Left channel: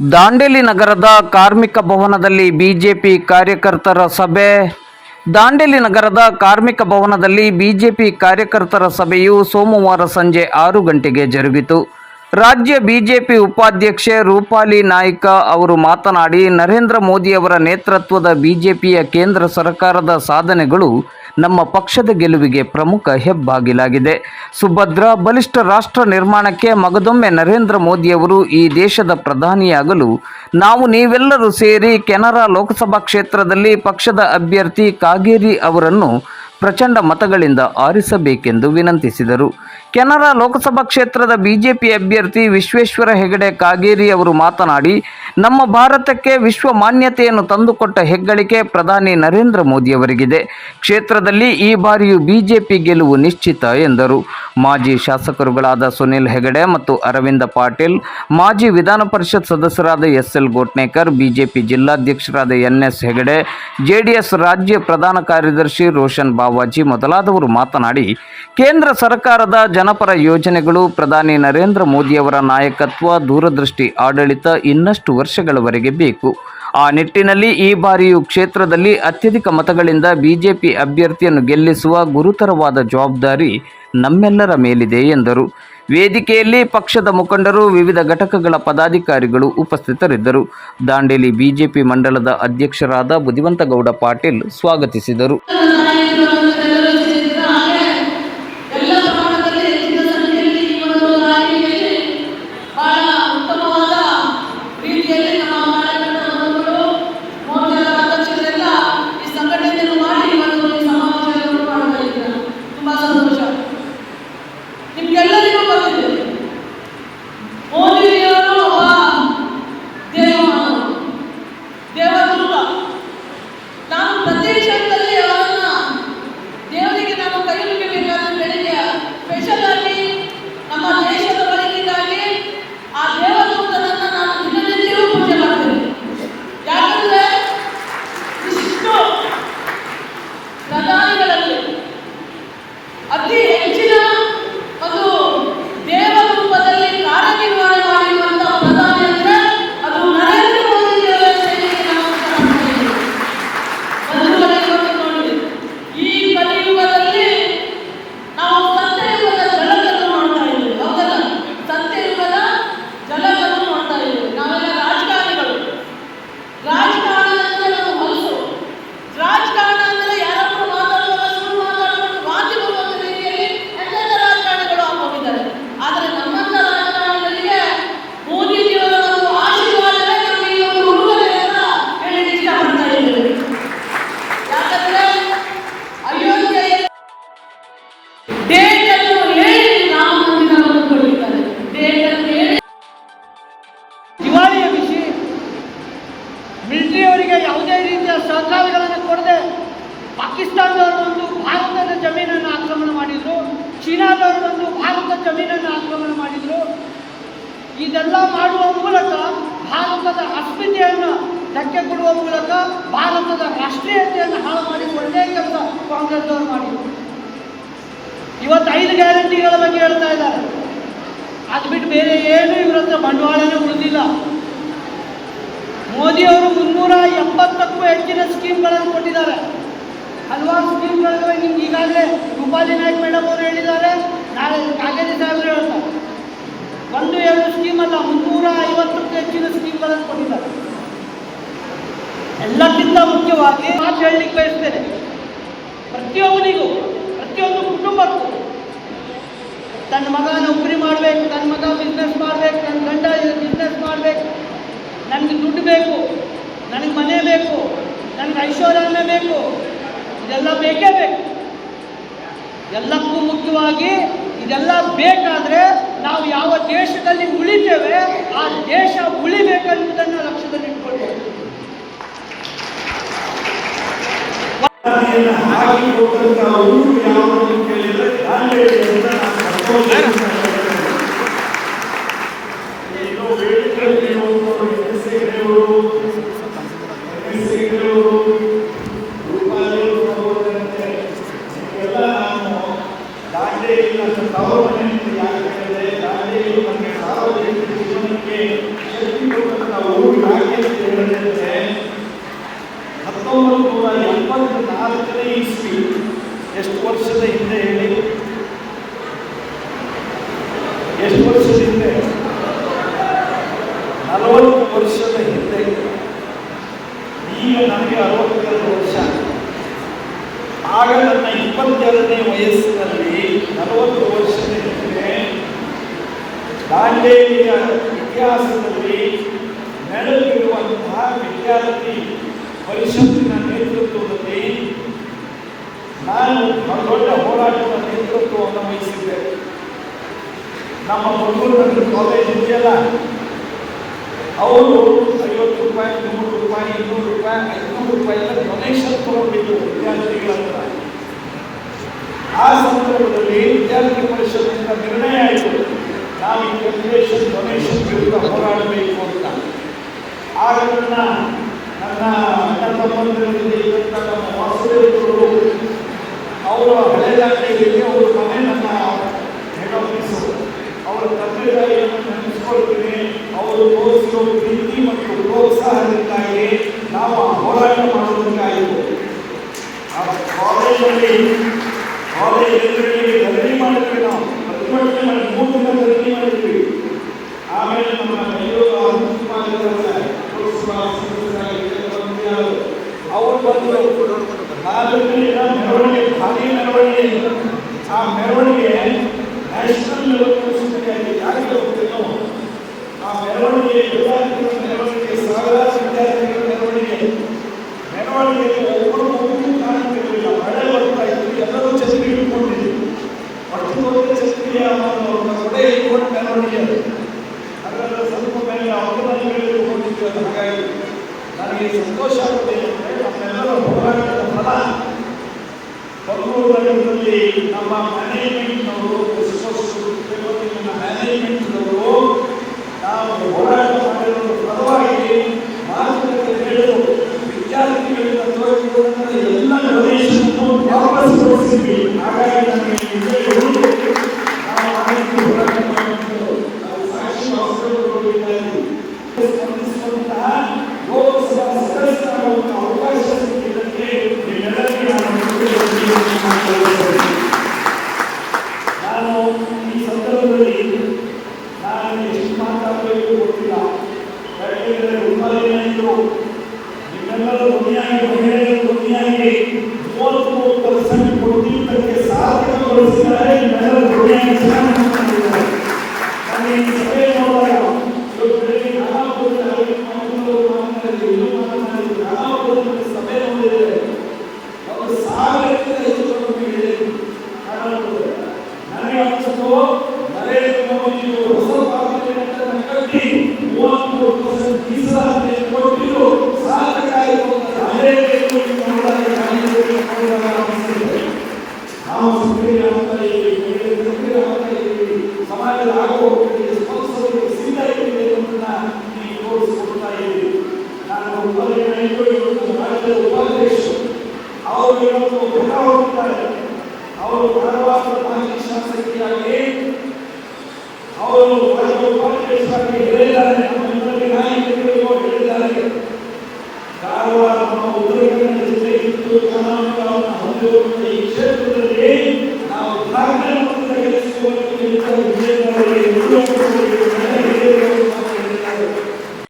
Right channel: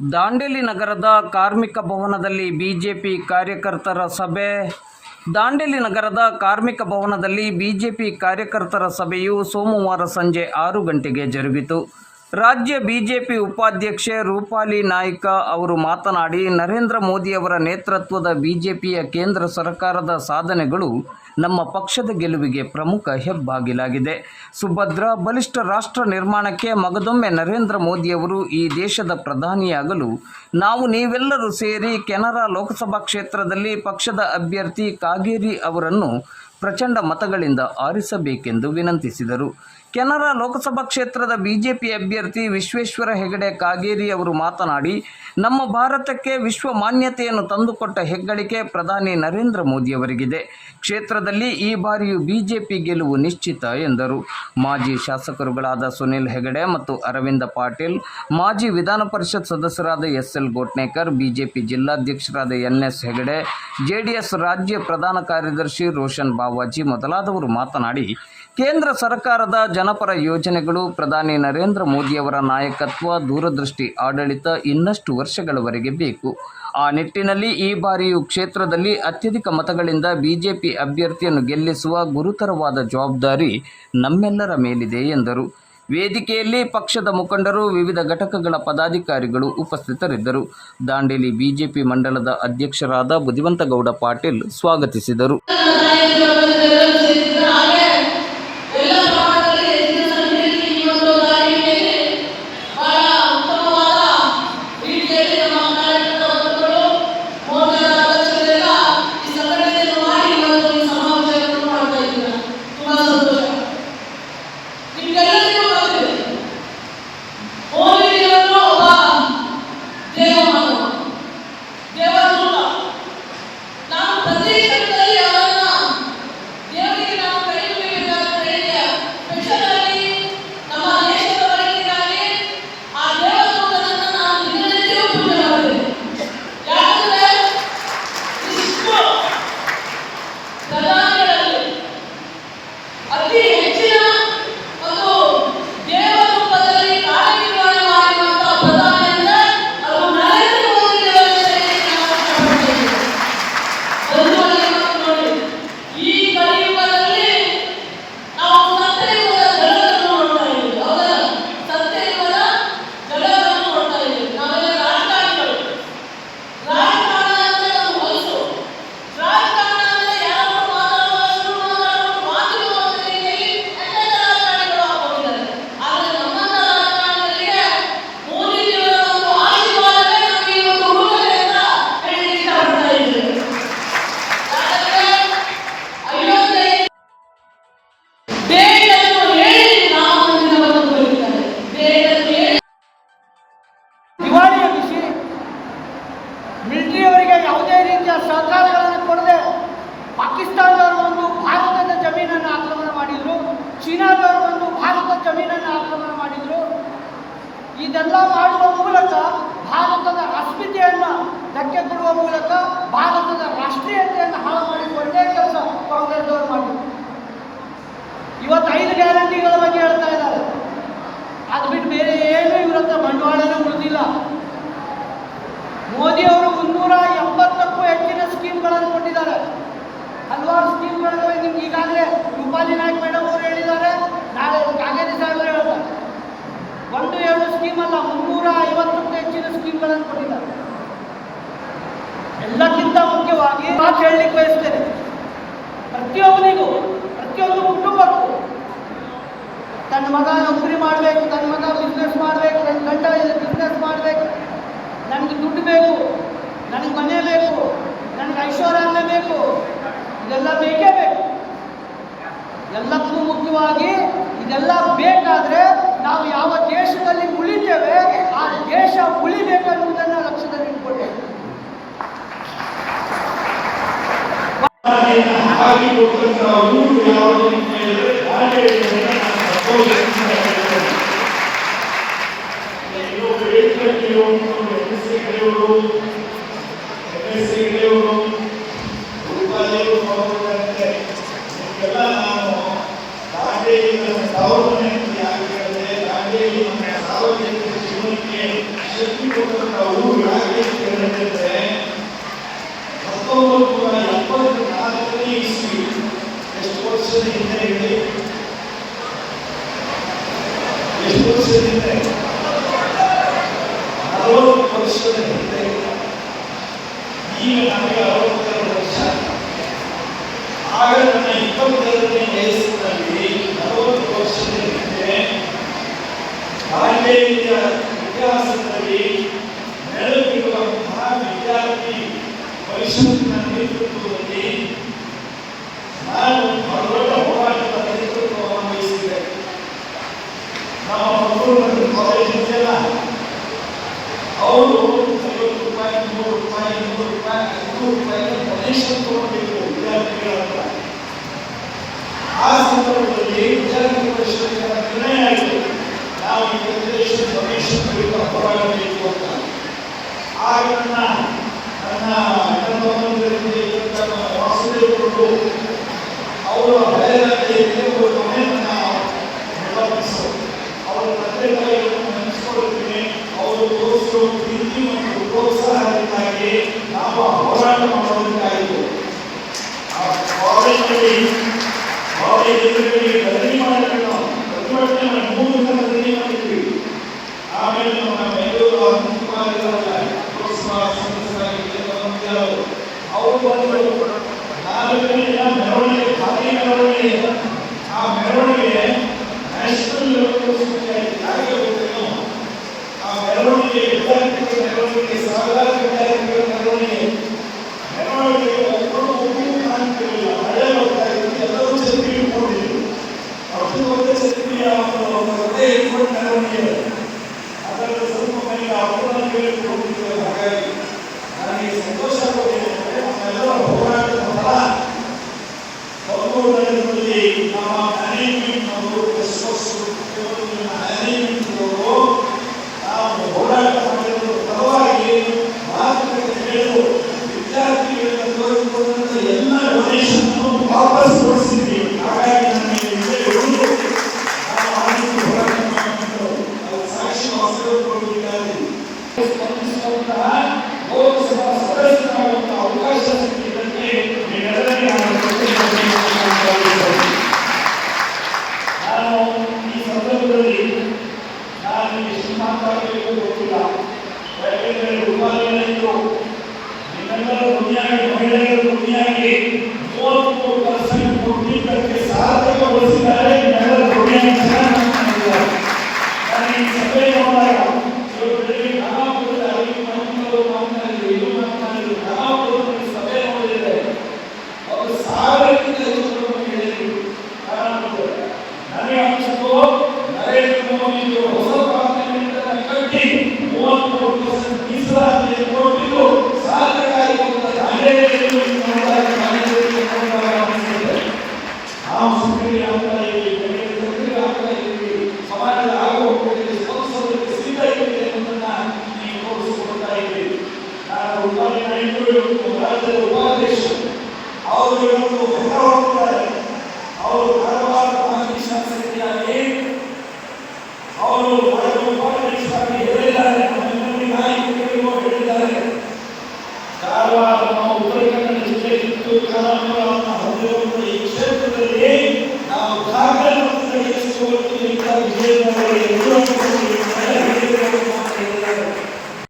ದಾಂಡೇಲಿ ನಗರದ ಕಾರ್ಮಿಕ ಭವನದಲ್ಲಿ ಬಿಜೆಪಿ ಕಾರ್ಯಕರ್ತರ ಸಭೆ. ದಾಂಡೇಲಿ ನಗರದ ಕಾರ್ಮಿಕ ಭವನದಲ್ಲಿ ಬಿಜೆಪಿ ಕಾರ್ಯಕರ್ತರ ಸಭೆಯು ಸೋಮವಾರ ಸಂಜೆ ಆರು ಗಂಟೆಗೆ ಜರುಗಿತು. ರಾಜ್ಯ ಬಿಜೆಪಿ ಉಪಾಧ್ಯಕ್ಷೆ ರೂಪಾಲಿ ನಾಯ್ಕ ಅವರು ಮಾತನಾಡಿ, ನರೇಂದ್ರ ಮೋದಿಯವರ ನೇತೃತ್ವದ ಬಿಜೆಪಿಯ ಕೇಂದ್ರ ಸರ್ಕಾರದ ಸಾಧನೆಗಳು ನಮ್ಮ ಪಕ್ಷದ ಗೆಲುವಿಗೆ ಪ್ರಮುಖ ಹೆಬ್ಬಾಗಿಲಾಗಿದೆ. ಸುಭದ್ರ ಬಲಿಷ್ಠ ರಾಷ್ಟ್ರ ನಿರ್ಮಾಣಕ್ಕೆ ಮಗದೊಮ್ಮೆ ನರೇಂದ್ರ ಮೋದಿಯವರು ಈ ದೇಶದ ಪ್ರಧಾನಿಯಾಗಲು ನಾವು ನೀವೆಲ್ಲರೂ ಸೇರಿ ಕೆನರಾ ಲೋಕಸಭಾ ಕ್ಷೇತ್ರದಲ್ಲಿ ಪಕ್ಷದ ಅಭ್ಯರ್ಥಿ ಕಾಗೇರಿ ಅವರನ್ನು ಪ್ರಚಂಡ ಮತಗಳಿಂದ ಆರಿಸಬೇಕೆಂದು ವಿನಂತಿಸಿದರು. ಕೆನರಾ ಲೋಕಸಭಾ ಕ್ಷೇತ್ರದ ಬಿಜೆಪಿ ಅಭ್ಯರ್ಥಿ ವಿಶ್ವೇಶ್ವರ ಹೆಗಡೆ ಕಾಗೇರಿ ಅವರು ಮಾತನಾಡಿ, ನಮ್ಮ ಭಾರತಕ್ಕೆ ವಿಶ್ವ ಮಾನ್ಯತೆಯನ್ನು ತಂದುಕೊಟ್ಟ ಹೆಗ್ಗಳಿಕೆ ಪ್ರಧಾನಿ ನರೇಂದ್ರ ಮೋದಿಯವರಿಗಿದೆ ಕ್ಷೇತ್ರದಲ್ಲಿ ಈ ಬಾರಿಯೂ ಬಿಜೆಪಿ ಗೆಲುವು ನಿಶ್ಚಿತ ಎಂದರು. ಮಾಜಿ ಶಾಸಕರುಗಳಾದ ಸುನಿಲ್ ಹೆಗಡೆ ಮತ್ತು ಅರವಿಂದ ಪಾಟೀಲ್, ಮಾಜಿ ವಿಧಾನ ಪರಿಷತ್ ಸದಸ್ಯರಾದ ಎಸ್ ಎಲ್ ಗೋಟ್ನೇಕರ್, ಬಿಜೆಪಿ ಜಿಲ್ಲಾಧ್ಯಕ್ಷರಾದ ಎನ್ ಎಸ್ ಹೆಗಡೆ, ಜೆಡಿಎಸ್ ರಾಜ್ಯ ಪ್ರಧಾನ ಕಾರ್ಯದರ್ಶಿ ರೋಷನ್ ಬಾವಾಜಿ ಮೊದಲಾದವರು ಮಾತನಾಡಿ, ಕೇಂದ್ರ ಸರ್ಕಾರದ ಜನಪರ ಯೋಜನೆಗಳು ಪ್ರಧಾನಿ ನರೇಂದ್ರ ಮೋದಿಯವರ ನಾಯಕತ್ವ, ದೂರದೃಷ್ಟಿ, ಆಡಳಿತ ಇನ್ನಷ್ಟು ವರ್ಷಗಳವರೆಗೆ ಬೇಕು. ಆ ನಿಟ್ಟಿನಲ್ಲಿ ಈ ಬಾರಿಯೂ ಕ್ಷೇತ್ರದಲ್ಲಿ ಅತ್ಯಧಿಕ ಮತಗಳಿಂದ ಬಿಜೆಪಿ ಅಭ್ಯರ್ಥಿಯನ್ನು ಗೆಲ್ಲಿಸುವ ಗುರುತರವಾದ ಜವಾಬ್ದಾರಿ ನಮ್ಮೆಲ್ಲರ ಮೇಲಿದೆ, ಎಂದರು. ವೇದಿಕೆಯಲ್ಲಿ ಪಕ್ಷದ ಮುಖಂಡರು, ವಿವಿಧ ಘಟಕಗಳ ಪದಾಧಿಕಾರಿಗಳು ಉಪಸ್ಥಿತರಿದ್ದರು. ದಾಂಡೇಲಿ ಬಿಜೆಪಿ ಮಂಡಲದ ಅಧ್ಯಕ್ಷರಾದ ಬುದಿವಂತಗೌಡ ಪಾಟೀಲ್ ಸ್ವಾಗತಿಸಿದರು. ಚೀನಾದವರು ಬಂದು ಭಾರತ ಜಮೀನನ್ನು ಆಕ್ರಮಣ ಮಾಡಿದ್ರು. ಇದೆಲ್ಲ ಮಾಡುವ ಮೂಲಕ ಭಾರತದ ಅಸ್ಮಿತೆಯನ್ನು ಧಕ್ಕೆ ಕೊಡುವ ಮೂಲಕ ಭಾರತದ ರಾಷ್ಟ್ರೀಯತೆಯನ್ನು ಹಾಳು ಮಾಡಿ ಒಳ್ಳೆಯ ಕಾಂಗ್ರೆಸ್ ಅವರು ಮಾಡಿದ್ರು. ಇವತ್ತು ಐದು ಗ್ಯಾರಂಟಿಗಳ ಬಗ್ಗೆ ಹೇಳ್ತಾ ಇದ್ದಾರೆ. ಅದು ಬಿಟ್ಟು ಬೇರೆ ಏನು ಇವತ್ತ ಬಂಡವಾಳನೂ ಮೋದಿ ಮೋದಿಯವರು ಮುನ್ನೂರ ಎಂಬತ್ತಕ್ಕೂ ಹೆಚ್ಚಿನ ಸ್ಕೀಮ್ಗಳನ್ನು ಕೊಟ್ಟಿದ್ದಾರೆ. ಹಲವಾರು ಸ್ಕೀಮ್ಗಳು ನಿಮ್ಗೆ ಈಗಾಗಲೇ ರೂಪಾಲಿ ನಾಯ್ಕ ಮೇಡಮ್ ಅವರು ಹೇಳಿದ್ದಾರೆ. ನಾಳೆ ಕಾಗೇರಿ ಸಾಹೇಬರು ಹೇಳ್ತಾರೆ. ಒಂದು, ಎರಡು ಸ್ಕೀಮ್ ಅಲ್ಲ, ಮುನ್ನೂರ ಐವತ್ತಕ್ಕೂ ಹೆಚ್ಚಿನ ಸ್ಕೀಮ್ಗಳನ್ನು ಕೊಟ್ಟಿದ್ದಾರೆ. ಎಲ್ಲಕ್ಕಿಂತ ಮುಖ್ಯವಾಗಿ ಮಾತು ಹೇಳಲಿಕ್ಕೆ ಬಯಸ್ತೇನೆ. ಪ್ರತಿಯೊಬ್ಬನಿಗೂ, ಪ್ರತಿಯೊಂದು ಕುಟುಂಬಕ್ಕೂ, ತನ್ನ ಮಗ ನೌಕರಿ ಮಾಡಬೇಕು, ತನ್ನ ಮಗ ಬಿಸ್ನೆಸ್ ಮಾಡಬೇಕು, ತನ್ನ ಗಂಡ ಬಿಸ್ನೆಸ್ ಮಾಡಬೇಕು. ನನಗೆ ದುಡ್ಡು ಬೇಕು, ನನಗೆ ಮನೆ ಬೇಕು, ನನಗೆ ಐಶ್ವರ್ಯ ಬೇಕು. ಇದೆಲ್ಲ ಬೇಕೇ ಬೇಕು. ಎಲ್ಲಕ್ಕೂ ಮುಖ್ಯವಾಗಿ ಇದೆಲ್ಲ ಬೇಕಾದರೆ ನಾವು ಯಾವ ದೇಶದಲ್ಲಿ ಉಳಿತೇವೆ, ಆ ದೇಶ ಉಳಿಬೇಕನ್ನುವುದನ್ನು ಲಕ್ಷ್ಯದಲ್ಲಿ ಇಟ್ಕೊಳ್ಬೇಕು. ಹತ್ತೊಂಬತ್ತು ನೂರ ಎಪ್ಪತ್ತ ನಾಲ್ಕನೇ ಇಸ್ವಿ ಎಷ್ಟು ವರ್ಷದ ಹಿಂದೆ ಹೇಳಿ ಎಷ್ಟು ವರ್ಷದ ಹಿಂದೆ ನಲವತ್ತು ವರ್ಷದ ಹಿಂದೆ ಈಗ ನನಗೆ ಅರವತ್ತೆರಡು ವರ್ಷ ಆಗ ನನ್ನ ವಯಸ್ಸಿನಲ್ಲಿ ನಲವತ್ತು ವರ್ಷದ ಹಿಂದೆ ದಾಂಡೇಲಿಯ ಇತಿಹಾಸದಲ್ಲಿ ನೆಲೆಬಿಡುವಂತಹ ವಿದ್ಯಾರ್ಥಿ ಪರಿಷತ್ತಿನ ನೇತೃತ್ವದಲ್ಲಿ ನಾನು ದೊಡ್ಡ ಹೋರಾಟದ ನೇತೃತ್ವವನ್ನು ವಹಿಸಿದ್ದೆ ನಮ್ಮ ಮಂಗಳೂರಿನ ಕಾಲೇಜ್ ಇದೆಯಲ್ಲ ಅವರು ಐವತ್ತು ರೂಪಾಯಿ, ನೂರು ರೂಪಾಯಿ, ಇನ್ನೂರು ರೂಪಾಯಿ, ಐನೂರು ರೂಪಾಯಿನ ಡೊನೇಷನ್ ತಗೊಂಡಿದ್ರು ವಿದ್ಯಾರ್ಥಿಗಳ ಹತ್ರ. ಆ ಸಂದರ್ಭದಲ್ಲಿ ವಿದ್ಯಾರ್ಥಿ ಪರಿಷತ್ತಿನ ನಿರ್ಣಯ ಆಯಿತು ನಾವು ಈ ಫೆಡರೇಷನ್ ಡೊನೇಷನ್ ವಿರುದ್ಧ ಹೋರಾಡಬೇಕು ಅಂತ. ಆಗ ನನ್ನ ನನ್ನ ಅಣ್ಣ ತಮ್ಮಂದಿರಲ್ಲಿ ನಮ್ಮ ವಾಸುದೇವರು ಅವರು ಹಳೆಯದಾಗಿಯಲ್ಲಿ ಒಂದು ಮನೆ ನನ್ನ ಹೆಡ್ ಅವರ ತಂದೆ ತಾಯಿಯನ್ನು ನೆನೆಸ್ಕೊಳ್ತೀನಿ ಅವರು ತೋರಿಸಿರೋ ಪ್ರೀತಿ ಮತ್ತು ಪ್ರೋತ್ಸಾಹದಿಂದಾಗಿ ನಾವು ಆ ಹೋರಾಟ ಮಾಡೋದಕ್ಕಾಗಿತ್ತು ಆ ಕಾಲೇಜಲ್ಲಿ ಕಾಲೇಜ್ ಗದ್ದರಿ ಮಾಡಿದ್ವಿ ನಾವು ಪ್ರತಿಭಟನೆ ಮಾಡಿ ಮೂರು ದಿನ ಗದ್ದರಿ ಮಾಡಿದ್ವಿ ಆಮೇಲೆ ನಮ್ಮ ಬೆಂಗಳೂರು ಬಂದಿದ್ದಾರೆ ಅವರು ಬಂದರು ನಾಲ್ಕನೆಯ ಮೆರವಣಿಗೆ ಭಾರಿ ಮೆರವಣಿಗೆ ಆ ಮೆರವಣಿಗೆ ನ್ಯಾಷನಲ್ ಲೆವೆಲ್ ಯಾಕೆ ಗೊತ್ತೇನೋ ಆ ಮೆರವಣಿಗೆ ವಿದ್ಯಾರ್ಥಿಗಳ ಮೆರವಣಿಗೆ ಸಾವಿರಾರು ವಿದ್ಯಾರ್ಥಿಗಳ ಮೆರವಣಿಗೆ ಮೆರವಣಿಗೆಗೆ ಒಬ್ಬರು ಒಬ್ಬರು ಕಾಣಿಸಲಿಲ್ಲ ಮಳೆ ಬರ್ತಾ ಇತ್ತು ಎಲ್ಲರೂ ಛತ್ರಿ ಇಟ್ಕೊಂಡಿದ್ರು ಪ್ರತಿಯೊಂದು ಛತ್ರಿಯ ಒಂದು ಕೊಡೆ ಇಟ್ಕೊಂಡು ಮೆರವಣಿಗೆ ಅದರ ಸ್ವಲ್ಪ ಮೇಲೆ ಅವರಲ್ಲಿ ಹೇಳಿಕೊಂಡಿದ್ದಲ್ಲ ಹಾಗಾಗಿ ನನಗೆ ಸಂತೋಷ ಆಗುತ್ತೆ ಅಂದರೆ ನಮ್ಮೆಲ್ಲರ ಹೋರಾಟದ ನಮ್ಮ ಕಲ್ಲೂರು ನಗರದಲ್ಲಿ ನಮ್ಮ ಮ್ಯಾನೇಜ್ಮೆಂಟ್ನವರು ಮ್ಯಾನೇಜ್ಮೆಂಟ್ನವರು ನಾವು ಹೋರಾಟ ಮಾಡಿರುವ ಪರವಾಗಿ ಮಾತುಕತೆ ಹೇಳಿದರು ವಿದ್ಯಾರ್ಥಿಗಳಿಂದ ತೋರಿಸಿದಂಥ ಎಲ್ಲ ಡೊನೇಷನ್ ಹಾಗಾಗಿ ನಾನು ಕೃತಜ್ಞತೆಯನ್ನು ಸಲ್ಲಿಸುತ್ತೇನೆ. ನಾನು ಈ ಸಂದರ್ಭದಲ್ಲಿ ನಾನು ಎಷ್ಟು ಮಾತಾಡಬೇಕು ಗೊತ್ತಿಲ್ಲ ಯಾಕೆಂದರೆ ಉಪಾಧ್ಯಾಯರು ನನಗೆ ಅನಿಸಿತು ನರೇಂದ್ರ ಮೋದಿಯವರು ಹೊಸ ಪಾರ್ಲಿಮೆಂಟ್ ಕಟ್ಟಿ ಮೂವತ್ಮೂರು ಪರ್ಸೆಂಟ್ ಮೀಸಲಾತಿಯನ್ನು ಕೊಟ್ಟಿದ್ದು ಸಾರ್ಥಕ ಆಯಿತು ಅಂತ ದಾಂಡೇಲಿಯಲ್ಲಿ ನೋಡಿದಾಗ ಗಾಂಧಿಯವರಿಗೆ ನೋಡಿದಾಗ ಅನಿಸಿದೆ ನಾವು ಸಕ್ರಿಯ ಆಗ್ತಾ ಇದ್ದೀವಿ ಬೆಳೆಗೆ ಸಕ್ರಿಯ ಆಗ್ತಾ ಇದ್ದೀವಿ ಸಮಾಜದ ಆಗುವಗಳಿಗೆ ಸ್ಪಂದಿಸೋದಕ್ಕೆ ಸಿದ್ಧ ಇದ್ದೀವಿ ಅನ್ನೋದನ್ನ ನೀವು ತೋರಿಸಿಕೊಡ್ತಾ ಇದ್ದೀವಿ ನಾನು ಉಪಾಧ್ಯಾಯರು ಇವತ್ತು ರಾಜ್ಯದ ಉಪಾಧ್ಯಕ್ಷರು ಅವರು ಇವತ್ತು ಹೊರ ಹೋಗ್ತಾರೆ ಅವರು ಧಾರವಾಡ ಶಾಸಕಿಯಾಗಿ ಅವರು